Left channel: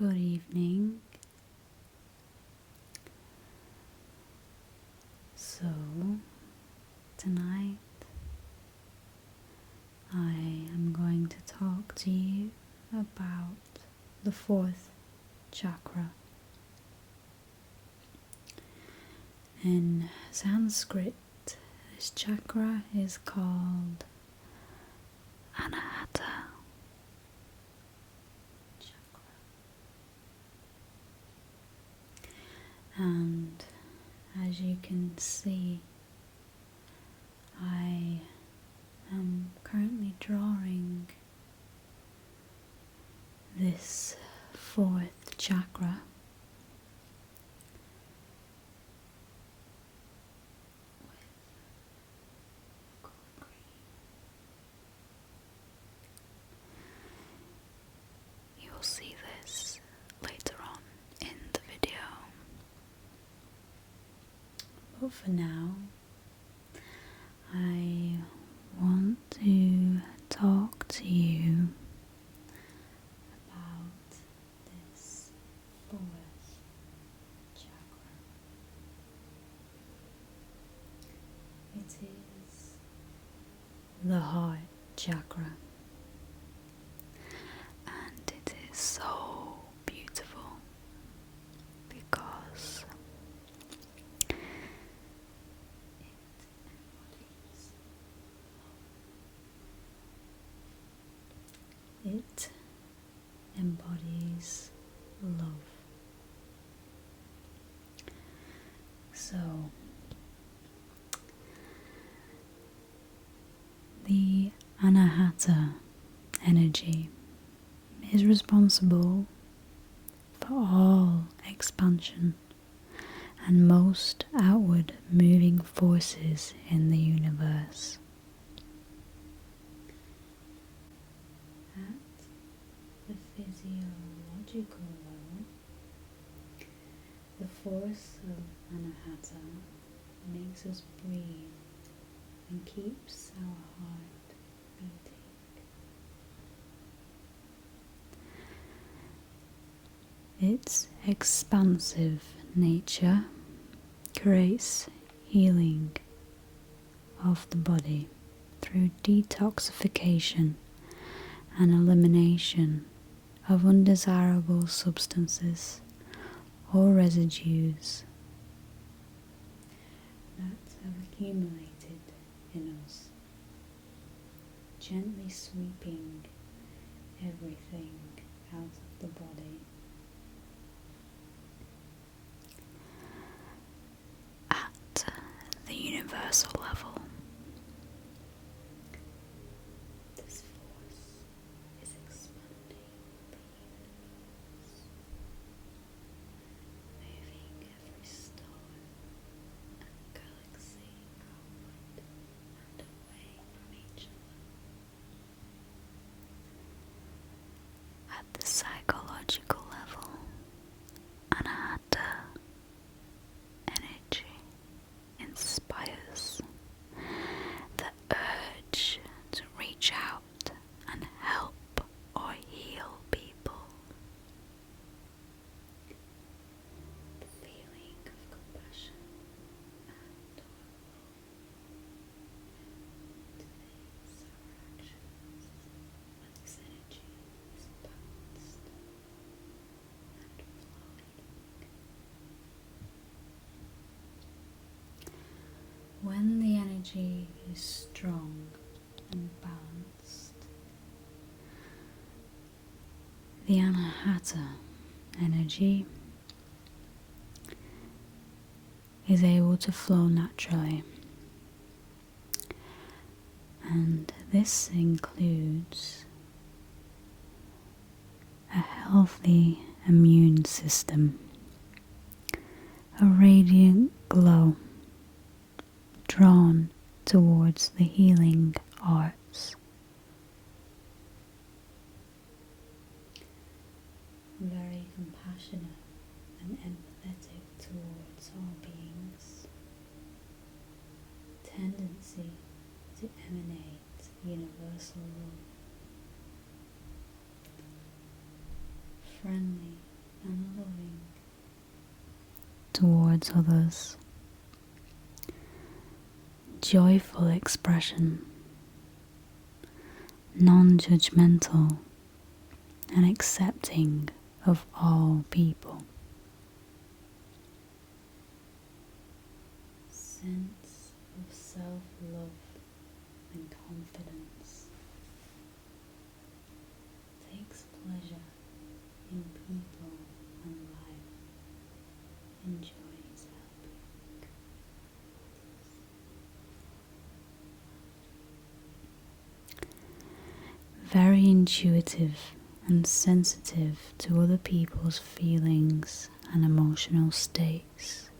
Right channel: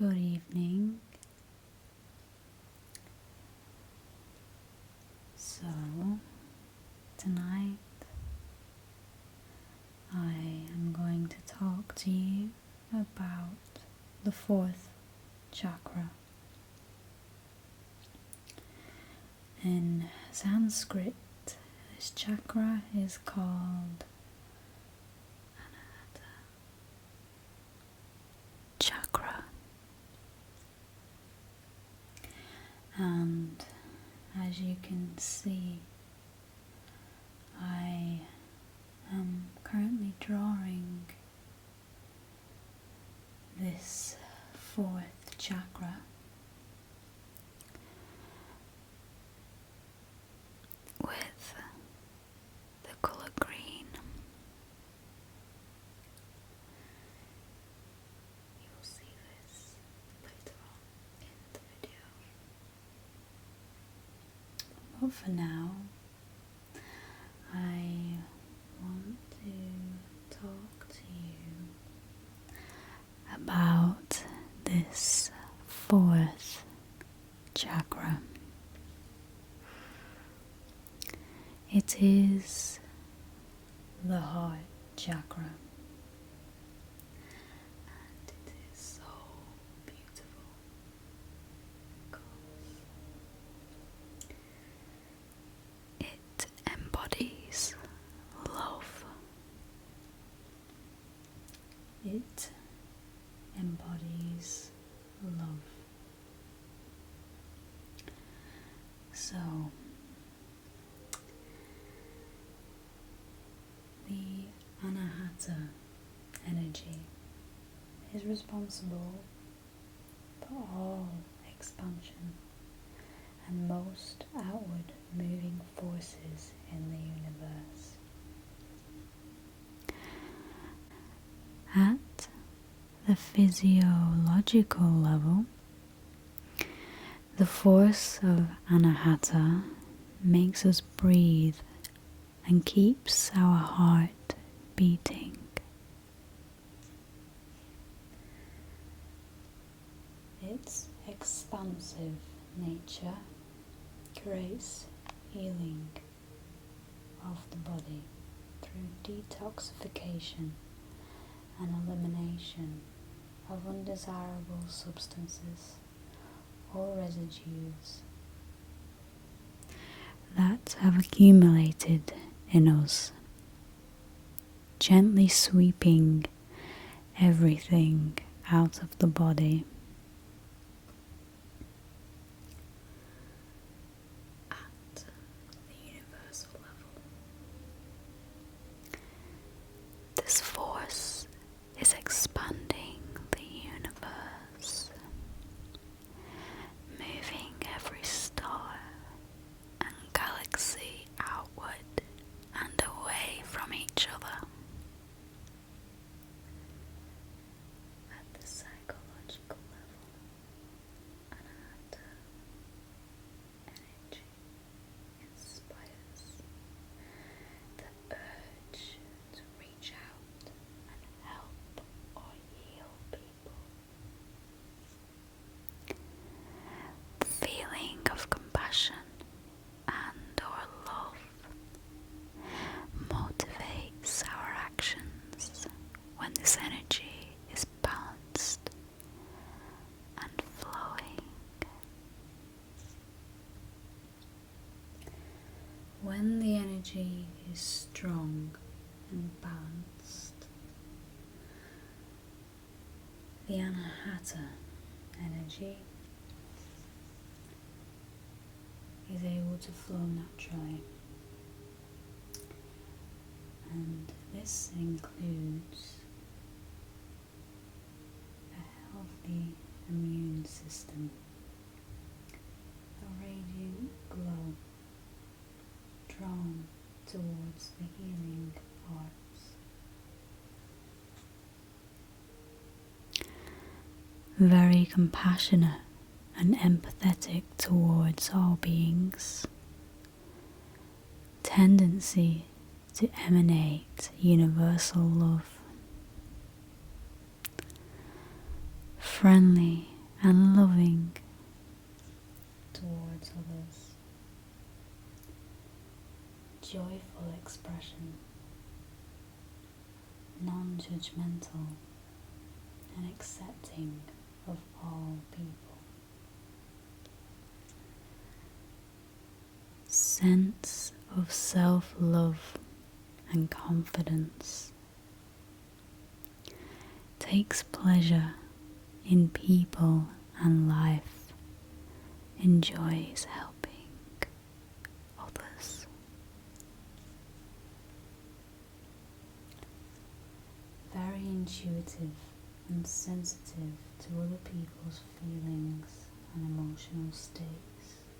Good evening. So, tonight I am going to talk to you about the fourth chakra. In Sanskrit, this chakra is called Anahata chakra. And as you can see, I am currently drawing this fourth chakra with the color green. You will see this later on in the video. But for now, I want to talk to you about this fourth chakra. It is the heart chakra, and it is so beautiful because it embodies love. It embodies love. So, the Anahata energy is responsible for all expansion and most outward moving forces in the universe. At the physiological level, the force of Anahata makes us breathe and keeps our heart beating. Its expansive nature creates healing of the body through detoxification and elimination of undesirable substances or residues that have accumulated in us, gently sweeping everything out of the body. At the universal level, this force is expanding the universe, moving every star and galaxy outward and away from each other. At the psychological level, Anahata energy inspires the urge to reach out and help or heal people. The feeling of compassion and or love motivates our actions when this energy is balanced and flowing. When the energy is strong and balanced, the Anahata energy is able to flow naturally, and this includes a healthy immune system, a radiant glow drawn towards the healing arts, very compassionate and empathetic towards all beings, tendency to emanate universal love, friendly and loving towards others. Joyful expression, non-judgmental and accepting of all people. Sense of self-love and confidence. Takes pleasure in people and life. Enjoys helping others. Very intuitive and sensitive to other people's feelings and emotional states.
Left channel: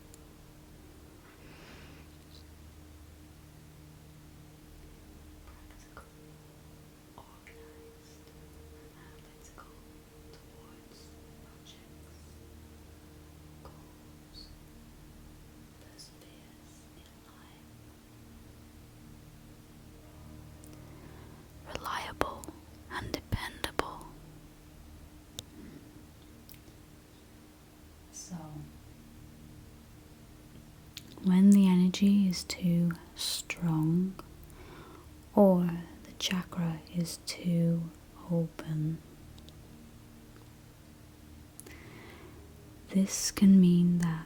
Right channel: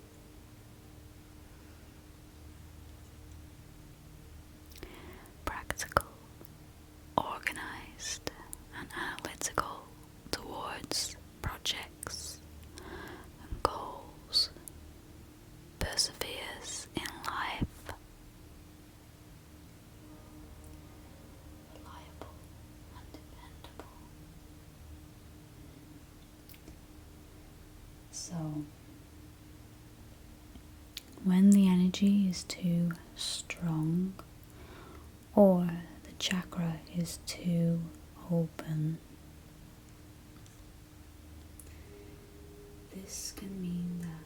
Practical, organized and analytical towards projects and goals. Perseveres in life. Reliable and dependable. So, when the energy is too strong or the chakra is too open, this can mean that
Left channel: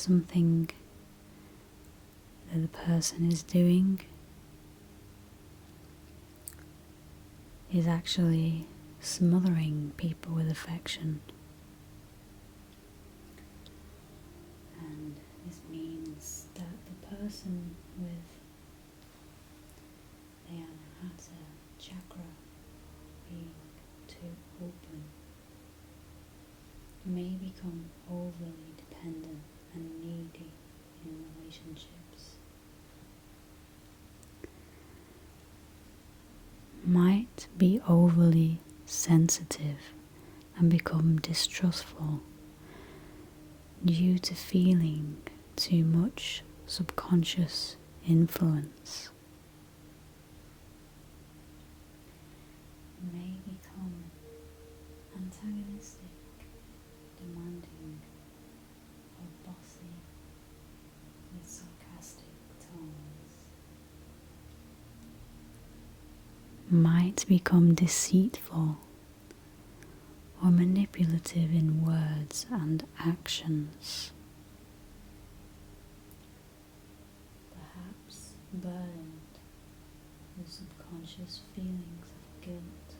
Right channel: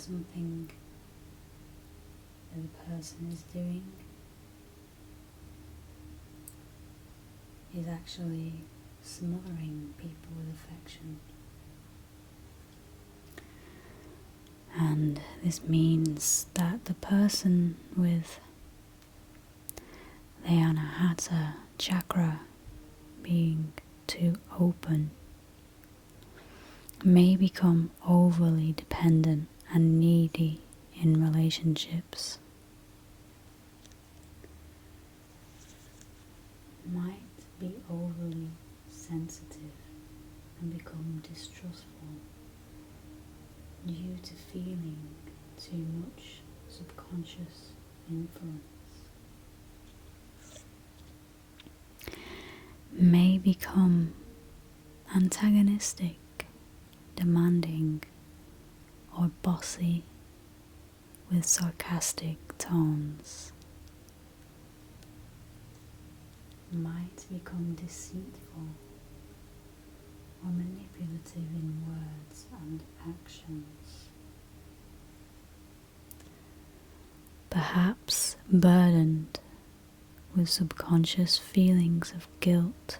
something that the person is doing is actually smothering people with affection. And this means that the person with the Anahata chakra being too open may become overly dependent and needy in relationships. Might be overly sensitive and become distrustful due to feeling too much subconscious influence. May become antagonistic, demanding, or bossy with sarcastic tones. Might become deceitful or manipulative in words and actions. Perhaps burdened with subconscious feelings of guilt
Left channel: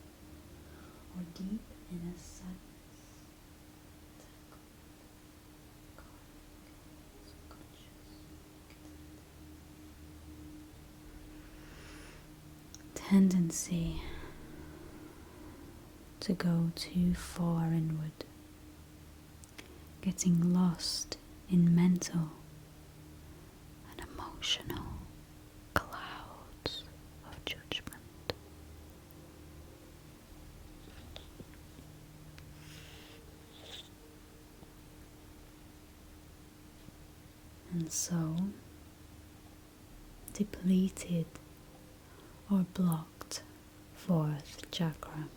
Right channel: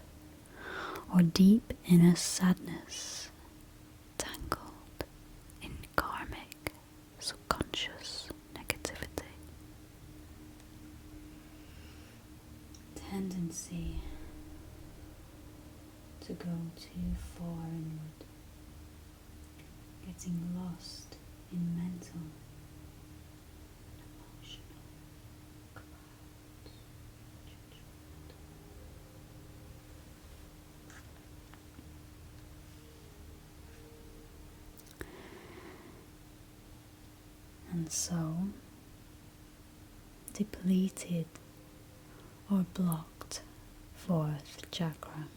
or deep inner sadness, tangled in karmic subconscious negativity. Tendency to go too far inward, getting lost in mental and emotional clouds of judgment. And so, depleted or blocked fourth chakra.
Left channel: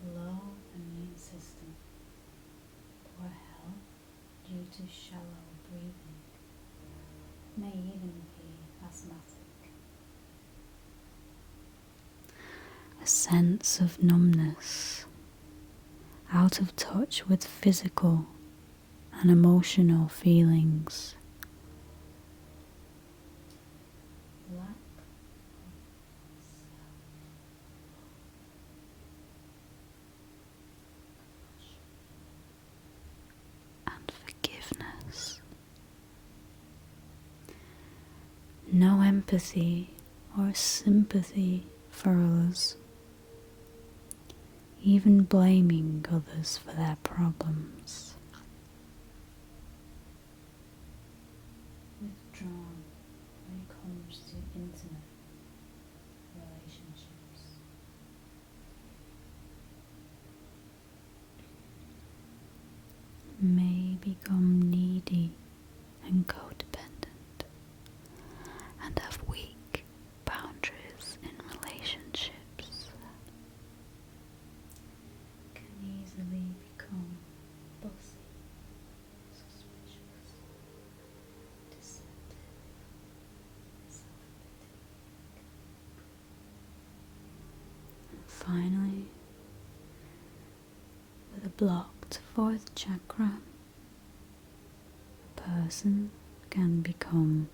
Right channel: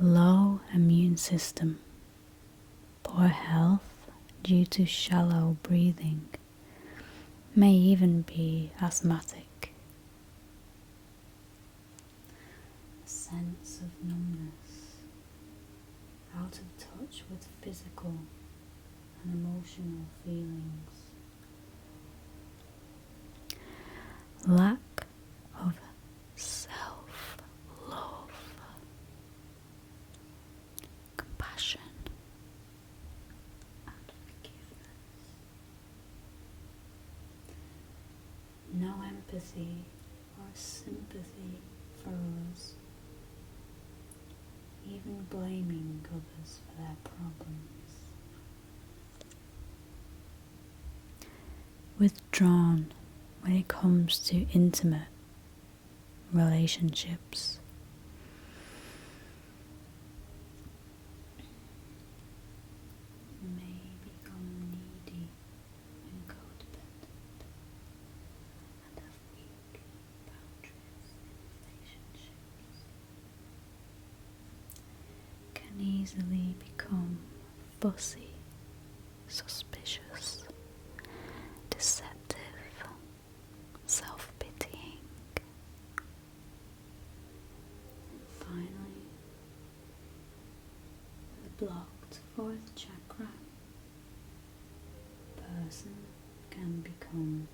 Low immune system, poor health due to shallow breathing, may even be asthmatic. A sense of numbness, out of touch with physical and emotional feelings. Lack of self-love, compassion and forgiveness. No empathy or sympathy for others, even blaming others for their problems. Withdrawn when it comes to intimate relationships. May become needy and codependent and have weak boundaries in relationships. fussy, suspicious, deceptive, self-pitying. And finally, with a blocked fourth chakra, a person can become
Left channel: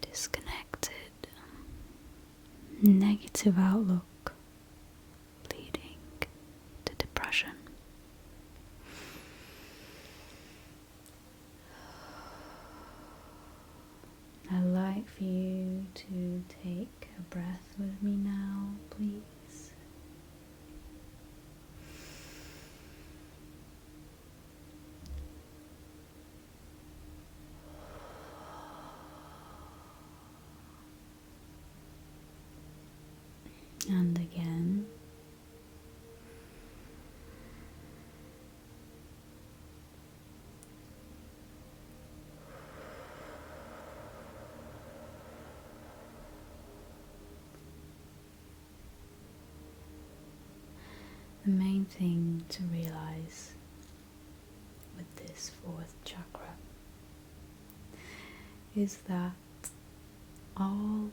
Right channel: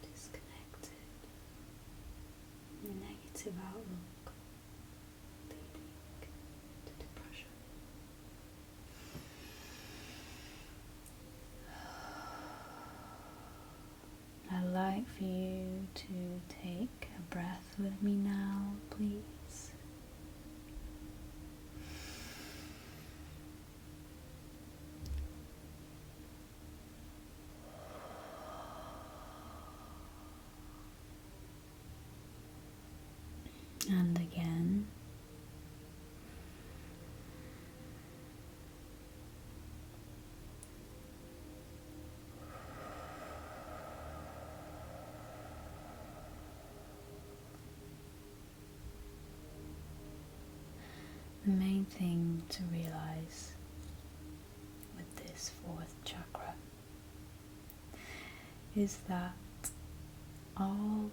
disconnected, negative outlook, leading to depression. I'd like for you to take a breath with me now, please. And again. The main thing to realize with this fourth chakra is that all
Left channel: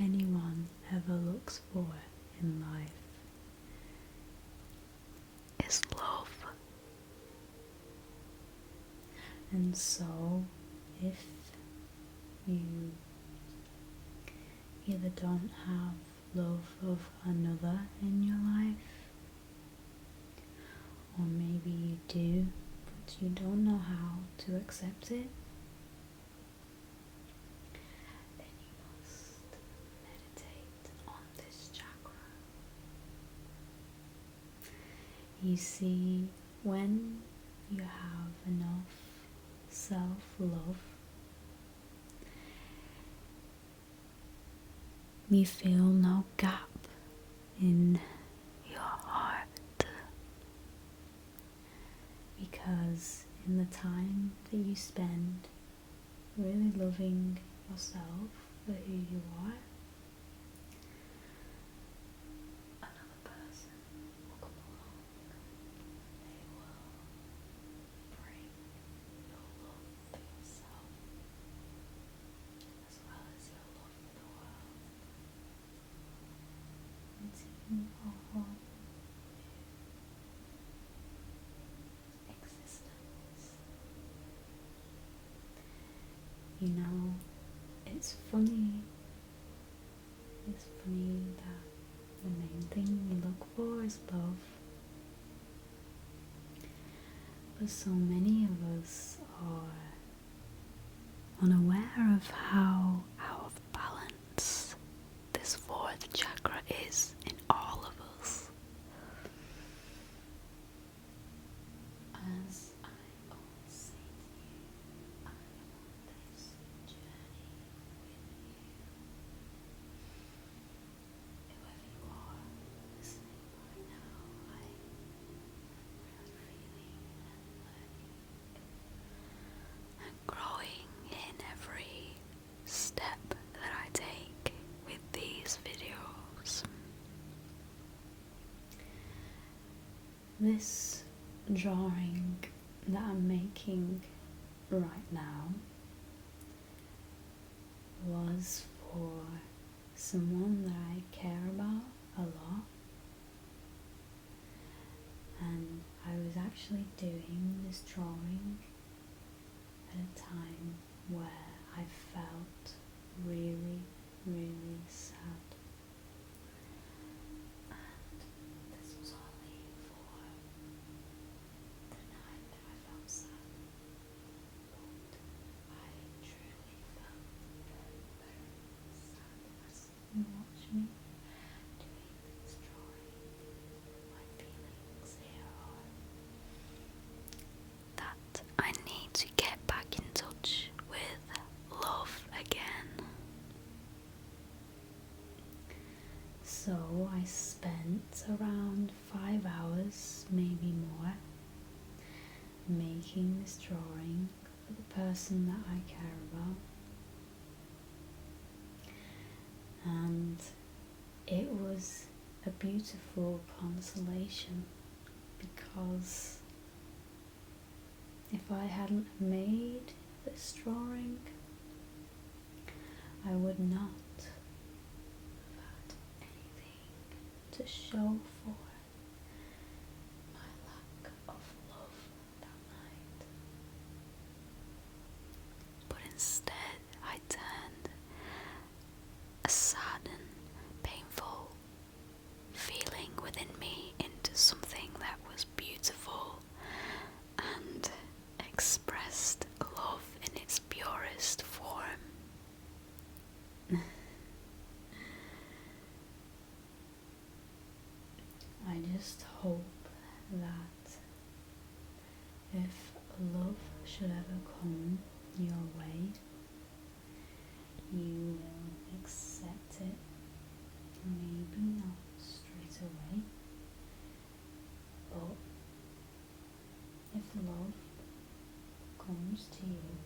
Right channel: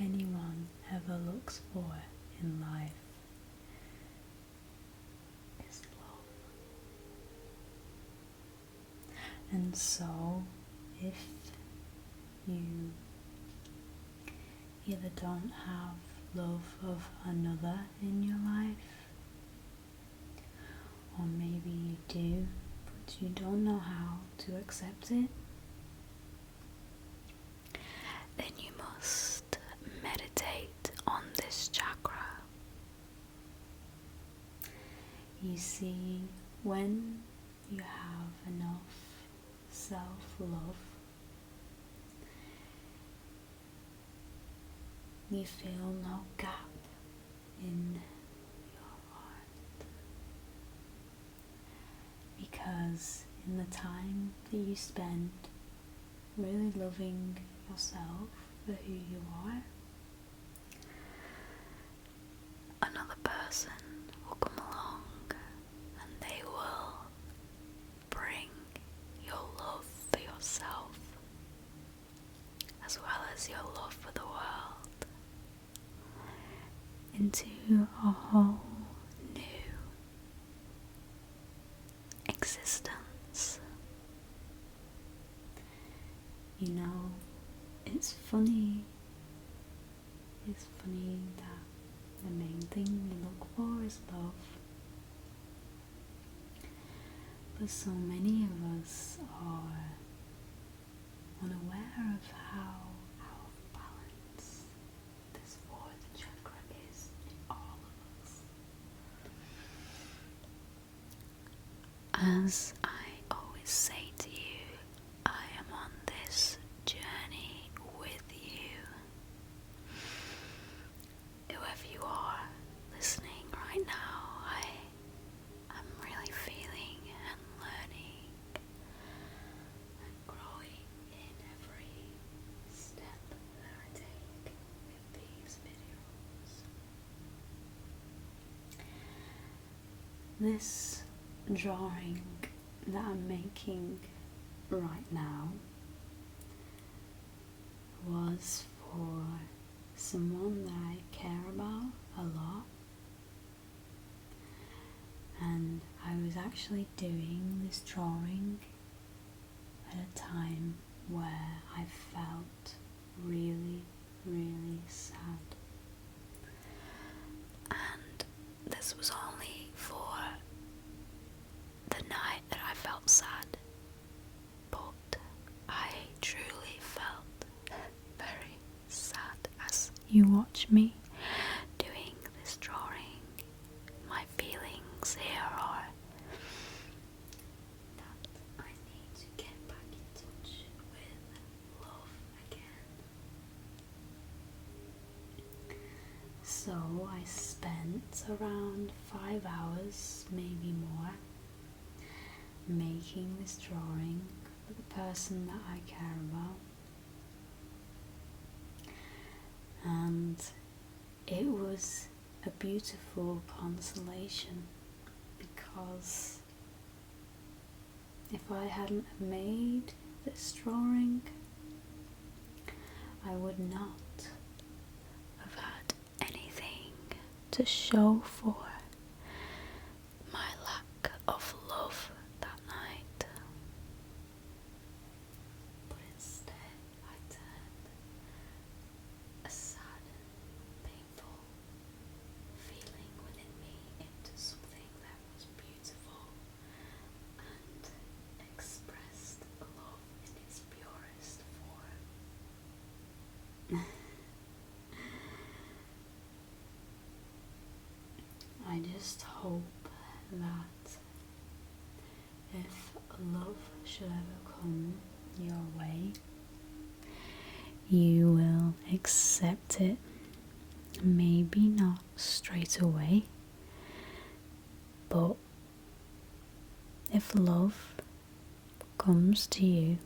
anyone ever looks for in life is love. And so, if you either don't have love of another in your life, or maybe you do, but you don't know how to accept it, then you must meditate on this chakra. You see, when you have enough self-love, you feel no gap in your heart, because in the time that you spend really loving yourself for who you are, another person will come along and they will bring your love for yourself as well as your love for the world into a whole new existence. You know, it's funny that the main thing we look for is love, but so many of us are unaware of how out of balance this fourth chakra is in all of us. As I always say to you, I am on this journey with you. Whoever you are listening right now, I'm really feeling and learning and growing in every step that I take with these videos. This drawing that I'm making right now was for someone that I care about a lot, and I was actually doing this drawing at a time where I felt really, really sad, and this was only for the night that I felt sad, but I truly felt very sad as you watch me doing this drawing. My feelings here are that I need to get back in touch with love again. So I spent around 5 hours, maybe more, making this drawing for the person that I care about, and it was a beautiful consolation because if I hadn't made this drawing, I would not have had anything to show for my lack of love that night. But instead I turned a sad and painful feeling within me into something that was beautiful and expressed love in its purest form. I just hope that if love should ever come your way, you will accept it. Maybe not straight away, but if love comes to you,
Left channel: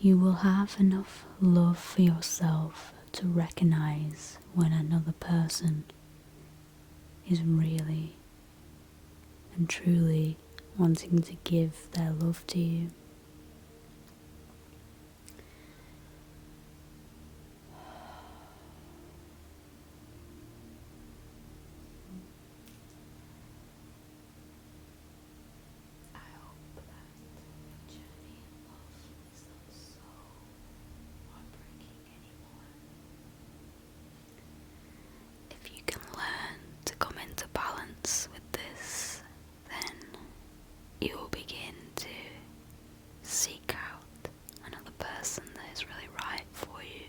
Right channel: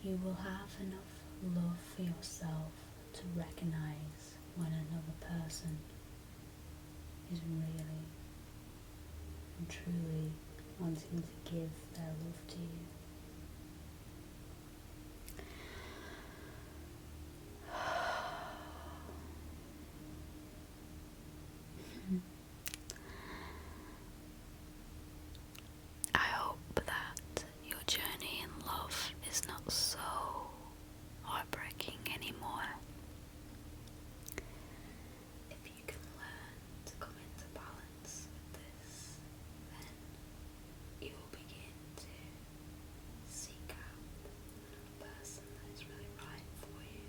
you will have enough love for yourself to recognize when another person is really and truly wanting to give their love to you. I hope that your journey in love is not so heartbreaking anymore. If you can learn to come into balance with this, then you will begin to seek out another person that is really right for you.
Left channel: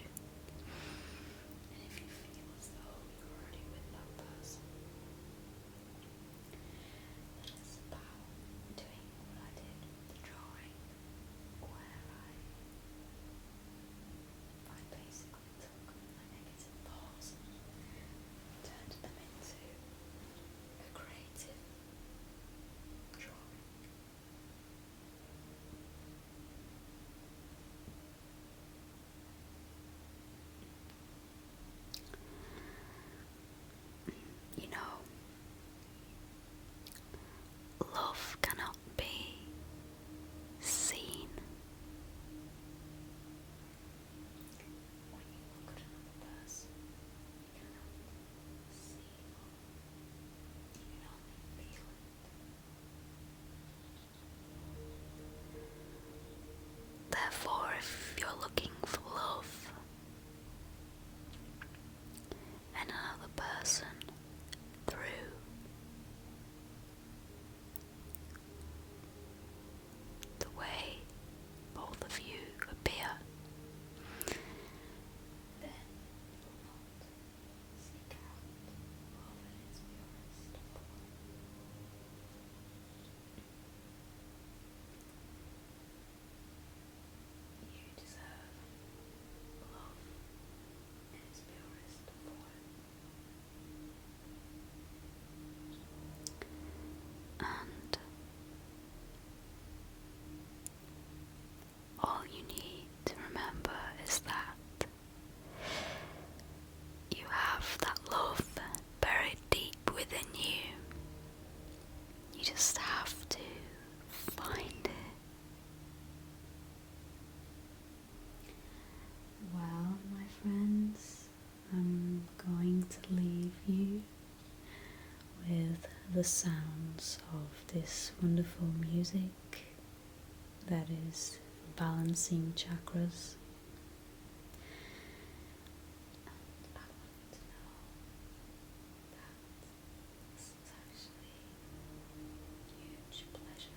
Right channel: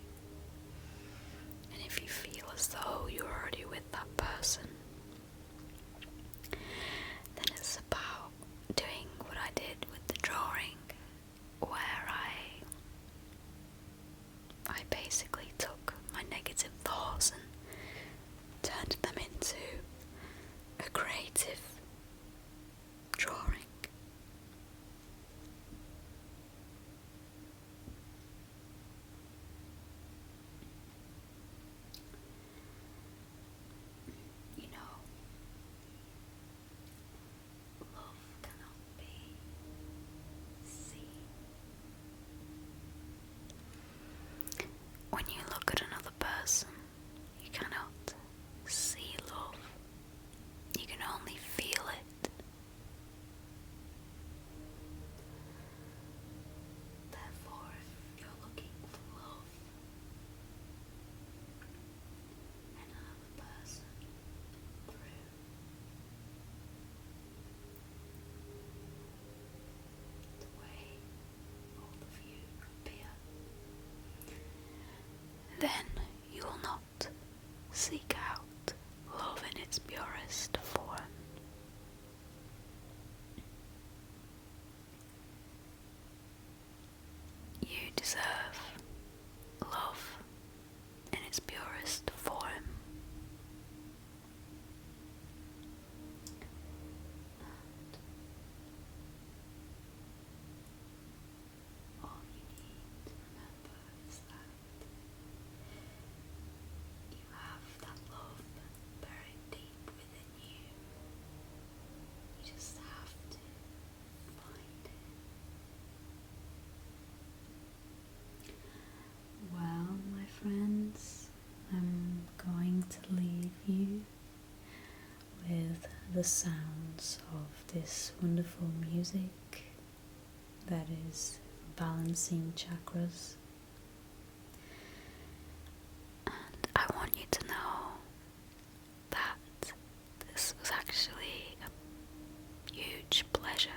And if you feel as though you're already with that person, then it's about doing what I did with the drawing, where I basically took my negative thoughts and turned them into a creative drawing. You know, love cannot be seen. When you look at another person, you cannot see love. You can only feel it. Therefore, if you're looking for love in another person through the way both of you appear, then you will not seek out love in its purest form. You deserve love in its purest form. And all you need to remember is that you have that love buried deep within you. You just have to find it. Well, my friends, I'm going to leave you with the sounds of this wonderful music that is balancing chakras. And I want you to know that this was actually a huge pleasure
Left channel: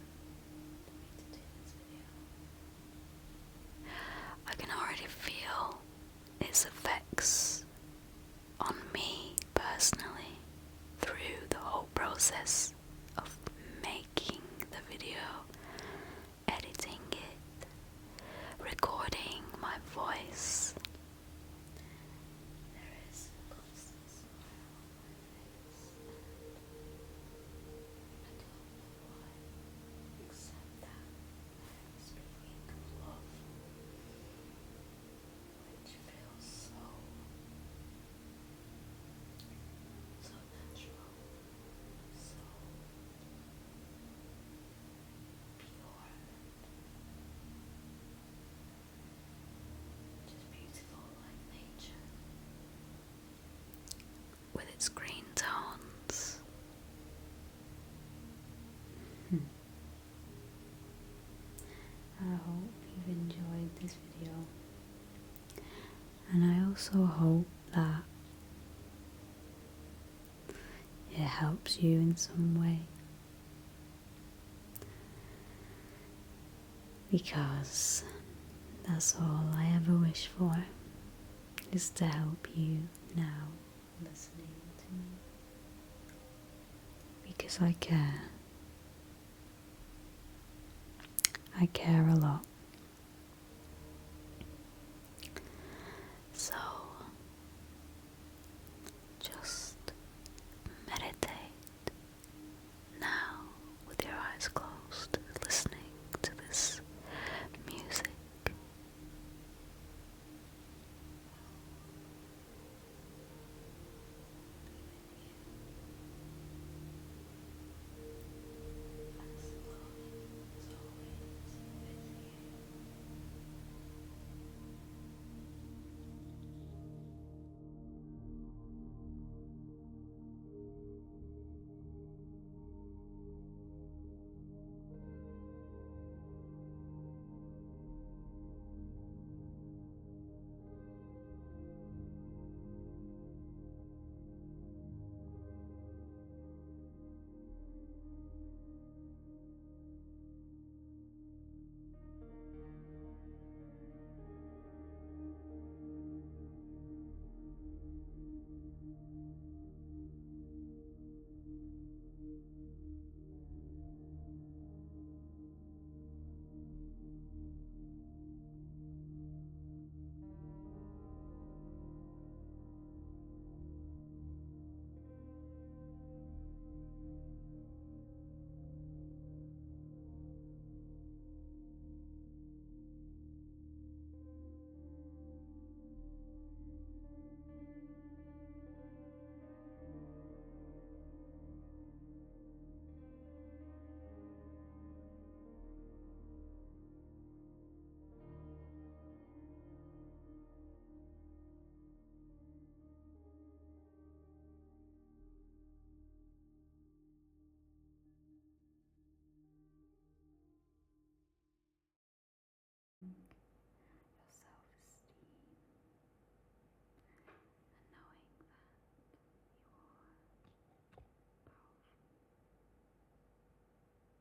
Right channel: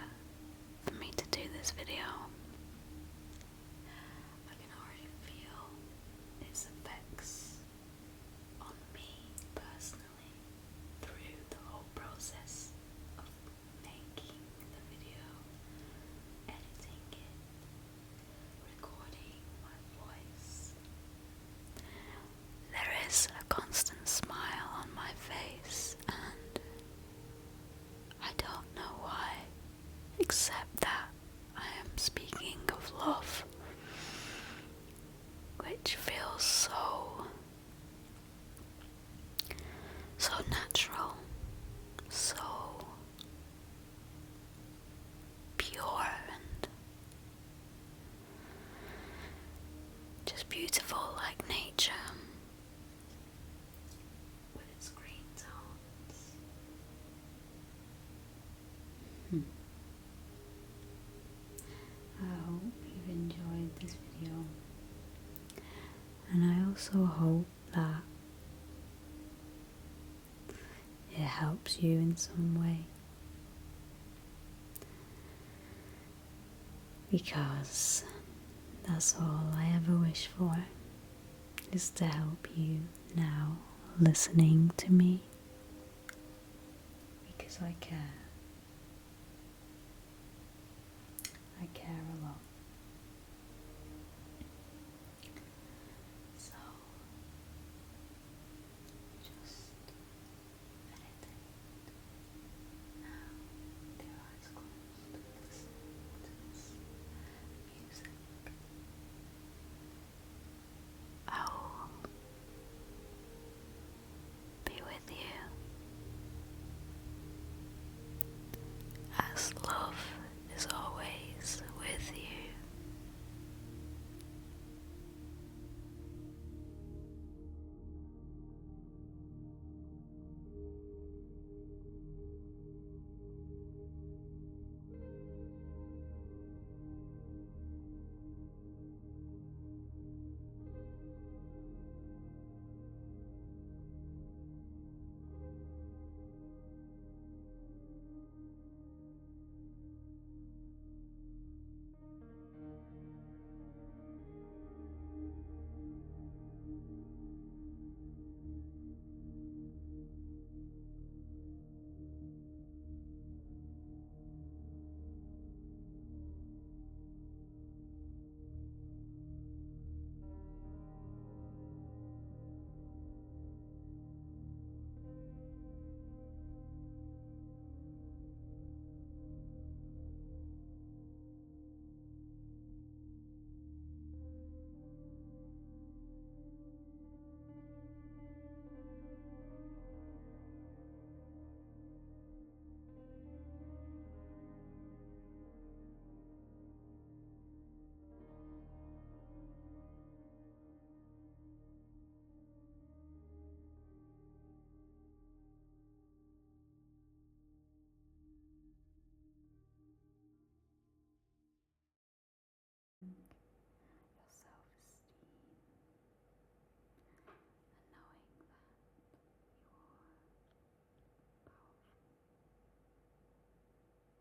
for me to do this video. I can already feel its effects on me personally through the whole process of making the video, editing it, recording also hope that it helps you in some way. Because that's all I ever wish for, is to help you now listening to me. Because I care. I care a lot.